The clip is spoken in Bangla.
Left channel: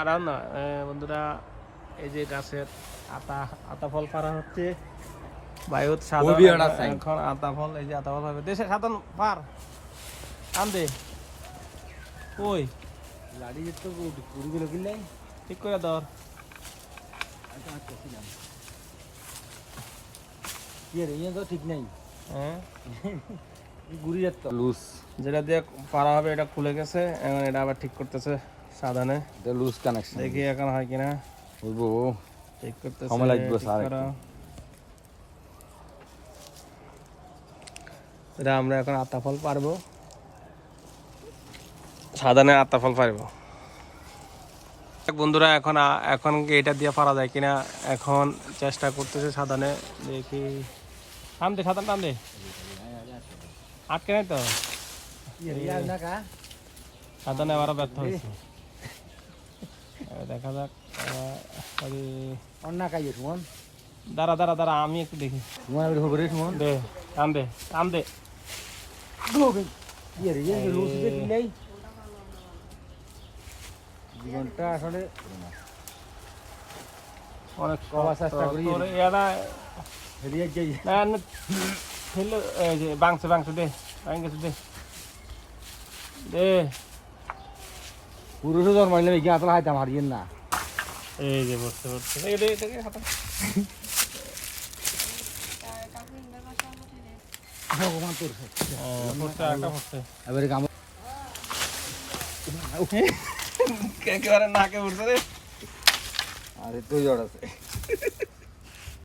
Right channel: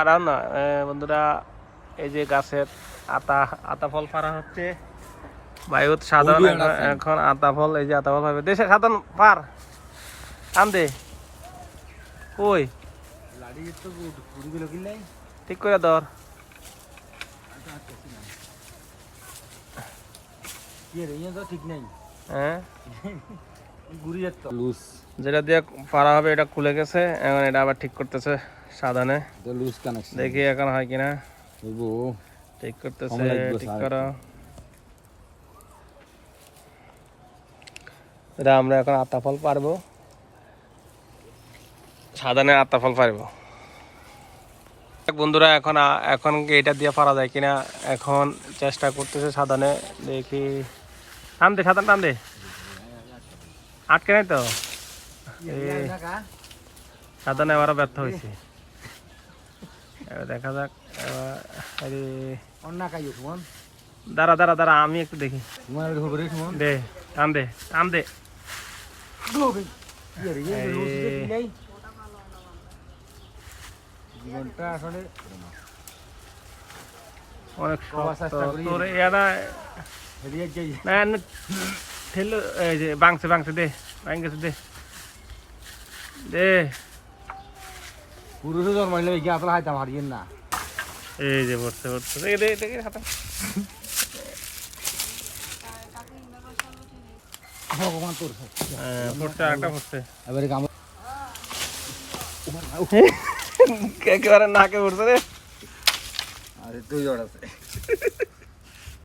আর না বন্ধুরা, এই যে গাছের আতা ফল পারা হচ্ছে। বায়ুত সাধারণ এখন আতা ফল, এই যে আতা ফল পাবে দেশে সাধারণ পার আন দে ওই ঠিক করে ধর। হ্যাঁ যেটা দিয়ে পারা হবে এটা খুলে গেছে, এখন এটা আবার ঠিক করতেছে সাধারণে। লুজ কানেকশন দেখি এখন হয় কিনা, ঠিক করতেছে। ঠিক করা এটা আমরা এখন আতা ফল পারবো, সাধারণে আতা ফল পারবো। বন্ধুরা এখন এখন এটা দিয়ে পারা যায় কিনা এখন চেষ্টা করতেছে সাধারণে। দেখি টান দে, সাধারণ টান দে, আটকে নাই তো। সাধারণে এবারও ব্যর্থ হয়েছে। দেখা যাক। দাঁড়া দাঁড়া দাঁড়া, আমি একটু দেখি। দে টান দে টান দে। অনেক তোর এটা ঠেলো, এই যে বাংছে বাংছে দে, বাং গেছে দে দে। পুরুষ জন্মাইলে আপনার হাইতাম হারিয়েন না। এই যে পড়ছে পড়ছে দেখে দে দেখে হাতে একেবারে নাকে পড়ছে রে। আরে তুই আছে